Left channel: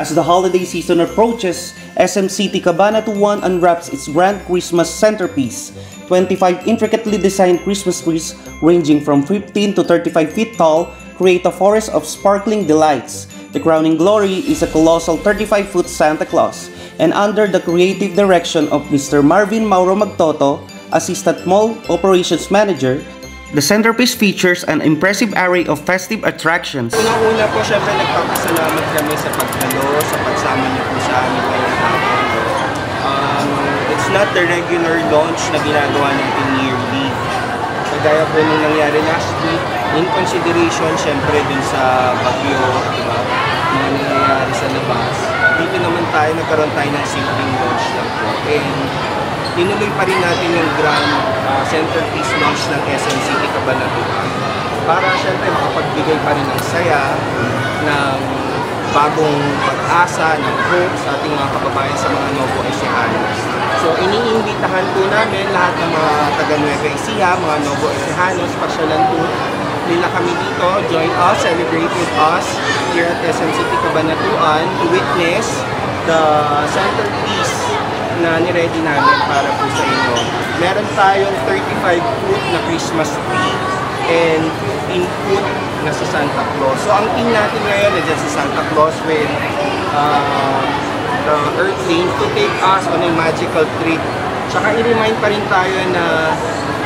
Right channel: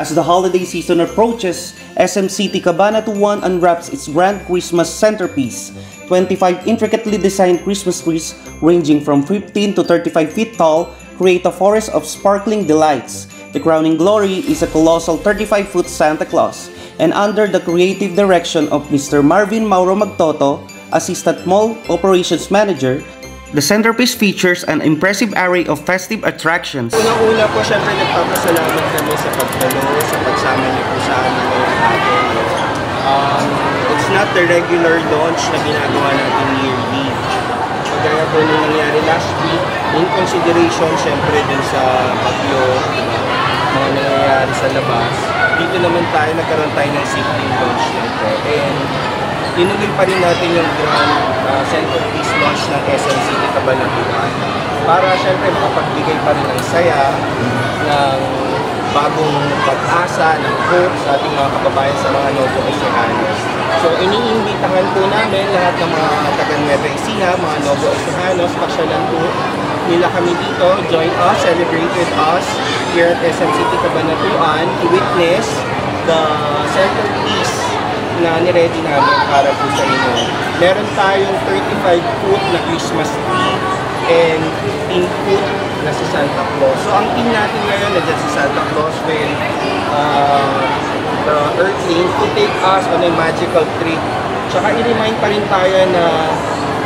As the holiday season approaches, SM City Cabanatuan unwraps its grand Christmas centerpiece. 25 intricately designed Christmas trees ranging from 15 to 35 feet tall create a forest of sparkling delights. The crowning glory is a colossal 35-foot Santa Claus, and under the creative direction of Mr. Marvin Mauro Magtoto, Assistant Mall Operations Manager, the centerpiece features an impressive array of festive attractions. Unang-una po, syempre nagpapasalamat kami sa pagdalo, sa pagsama niyo po sa amin ngayong hapon. It's not the regular launch na ginagawa natin yearly. Gaya po nung nangyari last week, in consideration syempre din sa bagyo, diba? Mga nangyayari sa labas. Dito naman tayo, nagkaroon tayo ng safety launch nito. And inuloy pa rin natin yung grand centerpiece launch ng SM City Cabanatuan para syempre makapagbigay pa rin ng saya, ng bagong pag-asa, ng hope sa ating mga kababayan sa mga Nuevo Ecijanos. So iniimbitahan po namin lahat ng mga taga Nueva Ecija, mga Nuevo Ecijanos, pasyalan po nila kami dito, join us, celebrate with us here at SM City Cabanatuan to witness the centerpiece na niready namin para po sa inyo. Meron tayong 35-foot na Christmas tree and 15-foot na si Santa Claus. So ang team natin ngayon na si Santa Claus with the Earthlings to take us on a magical trip. Tsaka i-remind pa rin tayo na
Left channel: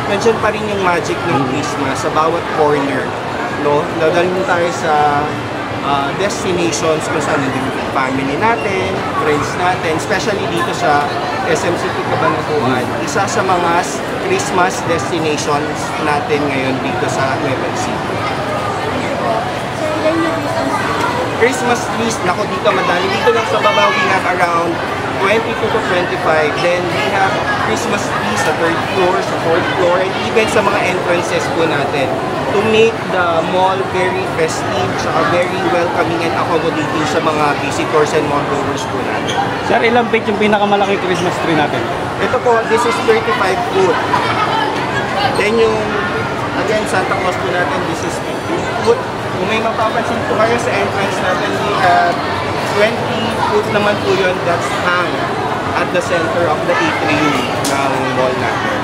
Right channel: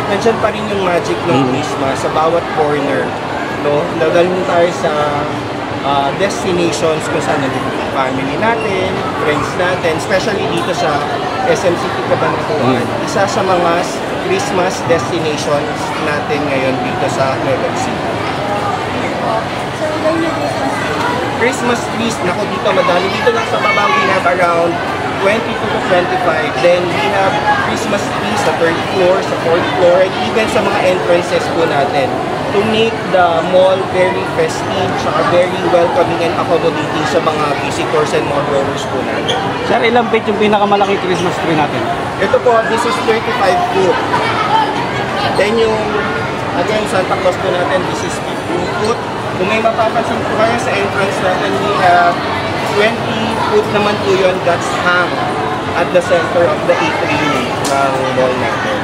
nandiyan pa rin yung magic ng Christmas sa bawat corner. No? Dadalhin tayo sa destinations kung saan nandito yung family natin, friends natin, especially dito sa SM City Cabanatuan. Isa sa mga Christmas destinations natin ngayon dito sa Nueva Ecija. So, ilan yung Christmas tree? Christmas trees, nako dito madami. Dito lang sa baba, we have around 22 to 25. Then we have Christmas trees sa 3rd floor, sa 4th floor, and even sa mga entrances po natin to make the mall very festive, saka very welcoming and accommodating sa mga visitors and mall goers po natin. Sir, ilang feet yung pinakamalaking Christmas tree natin? Ito po, this is 35 foot. Then yung, again, Santa Claus po natin, this is 15 foot. Kung may mapapansin po kayo sa entrance natin, we have 20 foot naman po yun that's hang at the center of the atrium ng mall natin.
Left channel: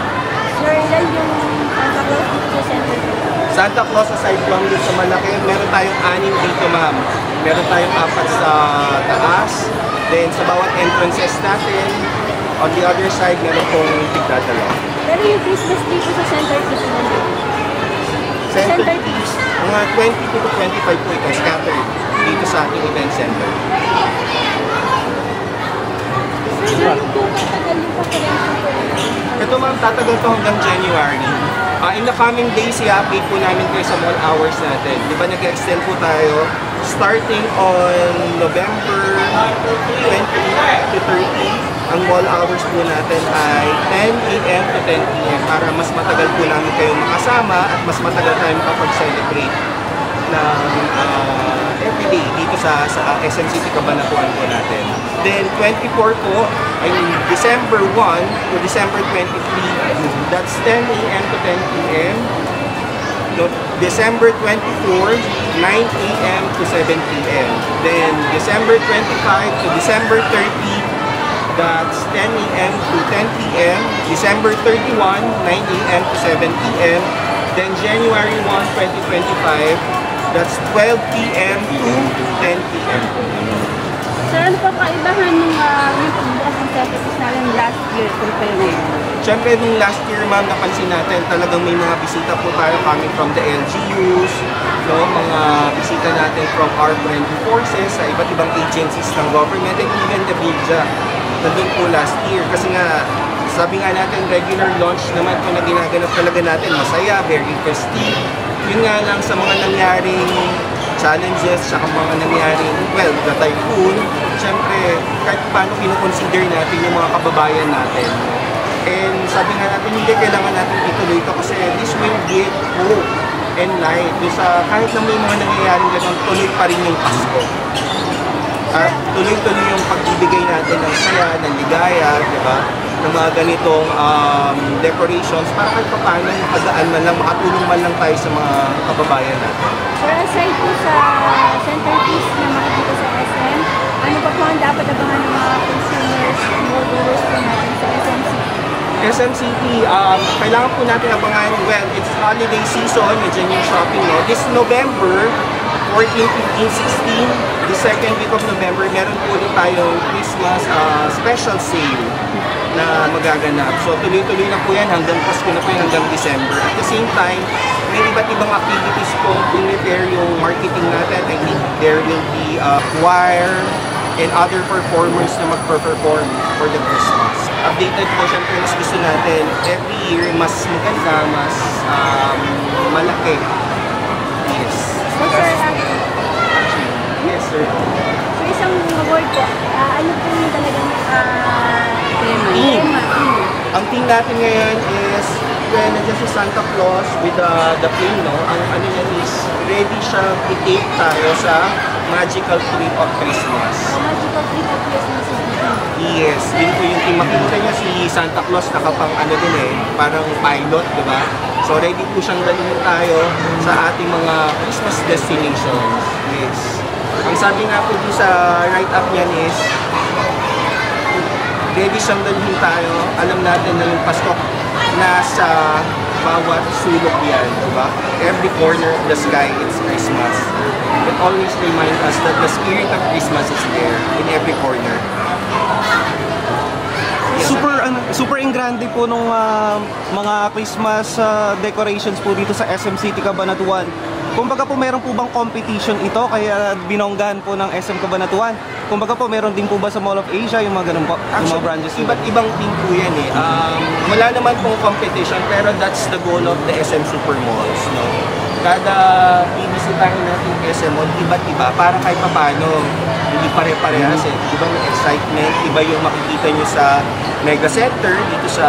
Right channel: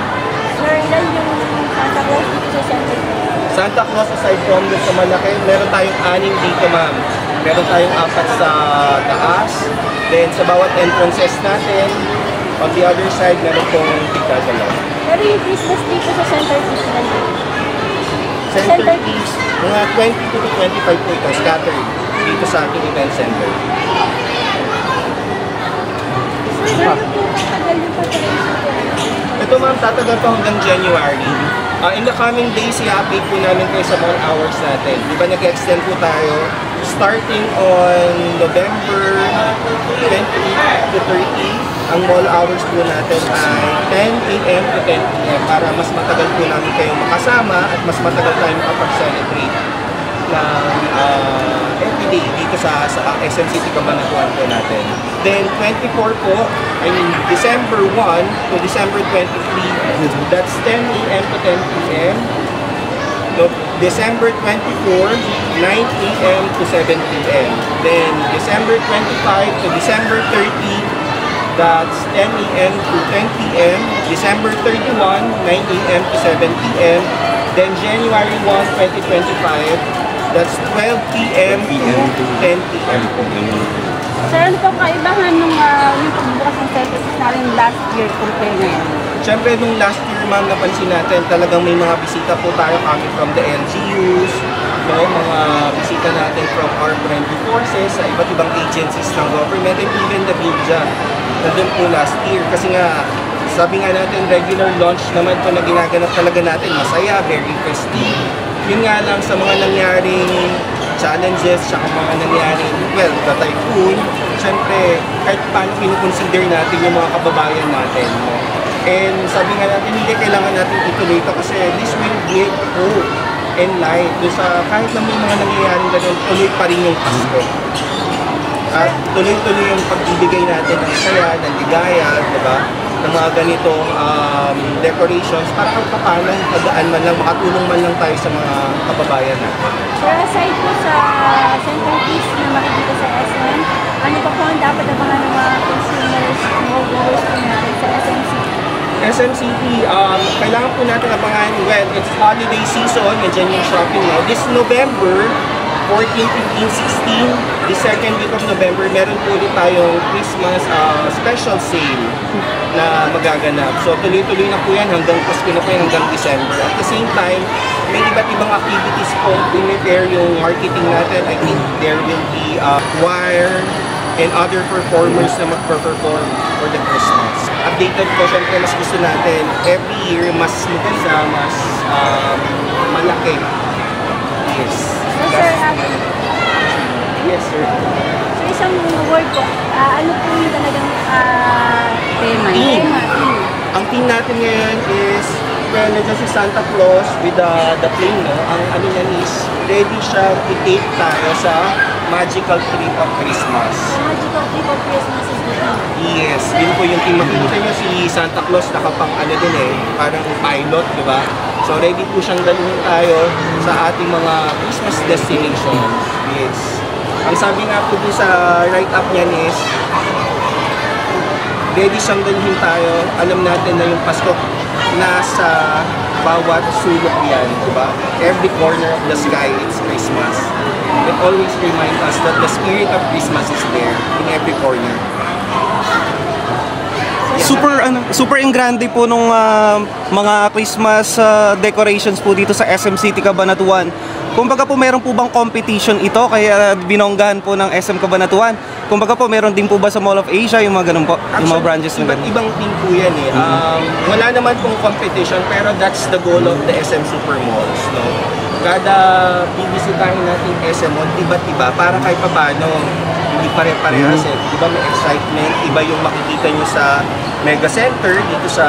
Sir, ilan yung Santa Claus dito sa center tree? Santa Claus, aside from dun sa malaki, meron tayong 6 dito, ma'am. Meron tayong 4 sa taas. Then, sa bawat entrances natin, on the other side, meron pong tigdadalaw. Pero yung Christmas tree po sa center piece na dito? Center piece, mga 22 to 25 po ito, scattered dito sa ating event center. Sir, gano'n po katagal yung preparation? Ito, ma'am, tatagal to hanggang January. In the coming days, i-update po namin kayo sa mall hours natin. Di ba nag-extend po tayo starting on November 20 to 30. Ang mall hours po natin ay 10 a.m. to 10 p.m. para mas matagal po namin kayong makasama at mas matagal tayo makapag-celebrate ng everyday dito sa SM City Cabanatuan po natin. Then 24 po, I mean December 1 to December 23, that's 10 a.m. to 10 p.m. So, December 24, 9 a.m. to 7 p.m. Then December 25 to December 30, that's 10 a.m. to 10 p.m. December 31, 9 a.m. to 7 p.m. Then January 1, 2025, that's 12 p.m. to 10 p.m. Sir, ano pang kaibahan ng yung pagbukas ng centerpiece natin last year compare ngayon? Siyempre, nung last year, ma'am, napansin natin talagang may mga bisita po tayo coming from the LGUs, no? Mga bisita natin from our friendly forces sa iba't ibang agencies ng government and even the media. Nandun po last year. Kasi nga, sabi nga natin, regular launch naman po na ginaganap talaga natin. Masaya, very festive. Yun nga lang sa mga nangyaring challenges, saka mga nangyaring, well, the typhoon, syempre, kahit paano kinukonsider natin yung mga kababayan natin. No? And sabi nga natin, hindi kailangan natin ituloy ito kasi this will give hope and light. Doon sa kahit na may mga nangyayaring ganun, tuloy pa rin yung Pasko. At tuloy-tuloy yung pagbibigay natin ng saya, ng ligaya, diba? Ng mga ganitong decorations para kahit paano pagaan man lang, makatulong man lang tayo sa mga kababayan natin. Sir, aside po sa centerpiece na makikita sa SM, ano pa ang dapat abangan ng mga consumers, mga viewers po natin sa SMCT? SMCT, kailangan po natin abangan, well, it's holiday season, nandiyan yung shopping, no? This November, 14, 15, 16, the second week of November, meron po ulit tayong Christmas special sale na magaganap. So tuloy-tuloy na po yan hanggang Pasko na po yan, hanggang December. At the same time, may iba't ibang activities po prepare yung marketing natin. I think there will be choir and other performers na mag-perform for the Christmas. Updated po, syempre mas gusto natin every year mas maganda, mas malaki. Yes. So sir, Yes, sir. so isang word po, ano po yung talagang Theme. tema? Ang theme natin ngayon is, well, nandiyan si Santa Claus with the plane, no? Ang ano niya is, ready siya i-take tayo sa magical trip of Christmas. Magical trip of Christmas is the Yes, yun po yung theme. Makikita niyo si Santa Claus nakapang ano din parang pilot, di ba? So ready po siyang dalhin tayo sa ating mga Christmas destinations. Yes. Ang sabi nga po di sa write-up niyan is, ready siyang dalhin tayo. Alam natin na yung Pasko nasa bawat sulok yan, di ba? Every corner of the sky, it's Christmas. It always reminds us that the spirit of Christmas is there in every corner. Super engrande po nung mga Christmas decorations po dito sa SM City Cabanatuan. Kumbaga po meron po bang competition ito kaya binonggahan po ng SM Cabanatuan? Kumbaga po meron din po ba sa Mall of Asia yung mga ganun po? Yung mga branches nila? Iba't ibang team po yan wala naman pong competition pero that's the goal of the SM Super Malls, no? Kada bibisitahin natin SM Mall, iba't iba para kahit paano hindi pare-parehas Diba may excitement, iba yung makikita nyo sa Mega Center dito sa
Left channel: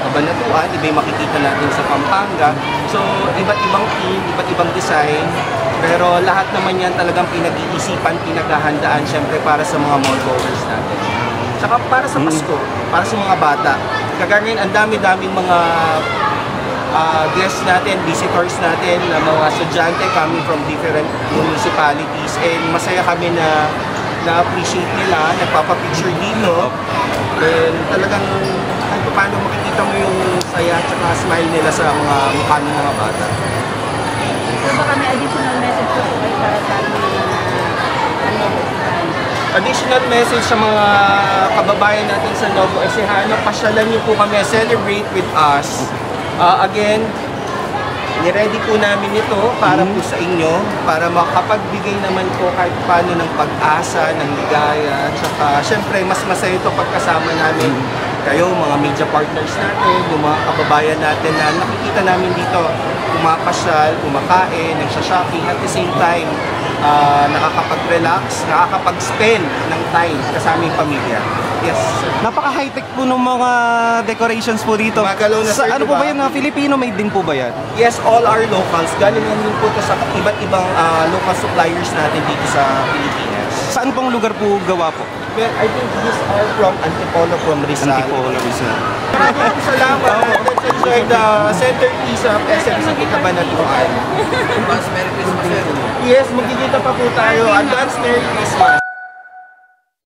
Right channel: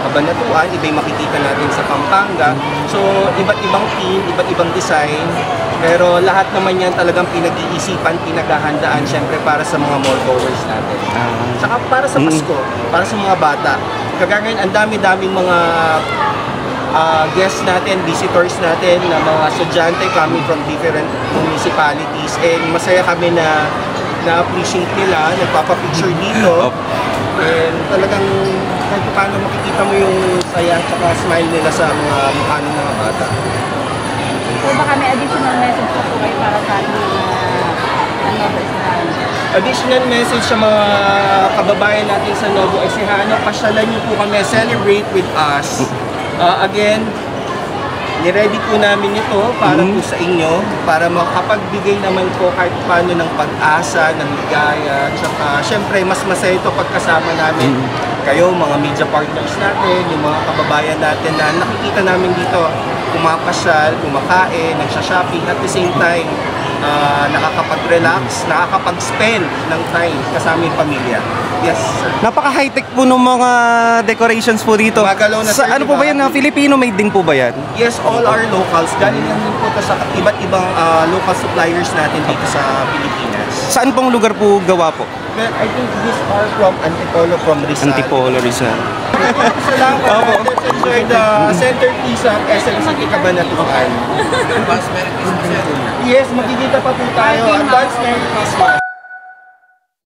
Cabanatuan, iba yung makikita natin sa Pampanga. So iba't ibang team, iba't ibang design, pero lahat naman yan talagang pinag-iisipan, pinaghahandaan syempre para sa mga mall goers natin. Tsaka para sa Pasko, para sa mga bata. Kagaya ngayon, ang dami-daming mga guests natin, visitors natin, na mga estudyante coming from different municipalities, and masaya kami na na-appreciate nila, nagpapapicture dito, and talagang kahit paano makikita mo yung saya at smile nila sa mga mukha ng mga bata. So baka may additional message po kayo para sa ating Novo Ecijano? Additional message sa mga kababayan natin sa Novo Ecijano, pasyalan niyo po kami, celebrate with us. Again, niready po namin ito para po sa inyo, para makapagbigay naman po kahit paano ng pag-asa, ng ligaya, tsaka syempre mas masaya ito pagkasama namin kayo, mga media partners natin, yung mga kababayan natin na nakikita namin dito, pumapasyal, kumakain, nagsha-shopping, at the same time, nakakapag-relax, nakakapag-spend ng time kasama yung pamilya. Yes, sir. Napaka-high-tech po ng mga decorations po dito. Magalaw na, sir, ano diba? po ba yan? Filipino-made din po ba yan? Yes, all our locals. Galing lang din po ito sa iba't ibang local suppliers natin dito sa Pilipinas. Saan pong lugar po gawa po? Well, I think these are from Antipolo, from Rizal. Antipolo, Rizal. Salamat. Let's enjoy the centerpiece of SM City Cabanatuan. Advance Merry Christmas. Yes, magkikita pa po tayo. Advance Merry Christmas.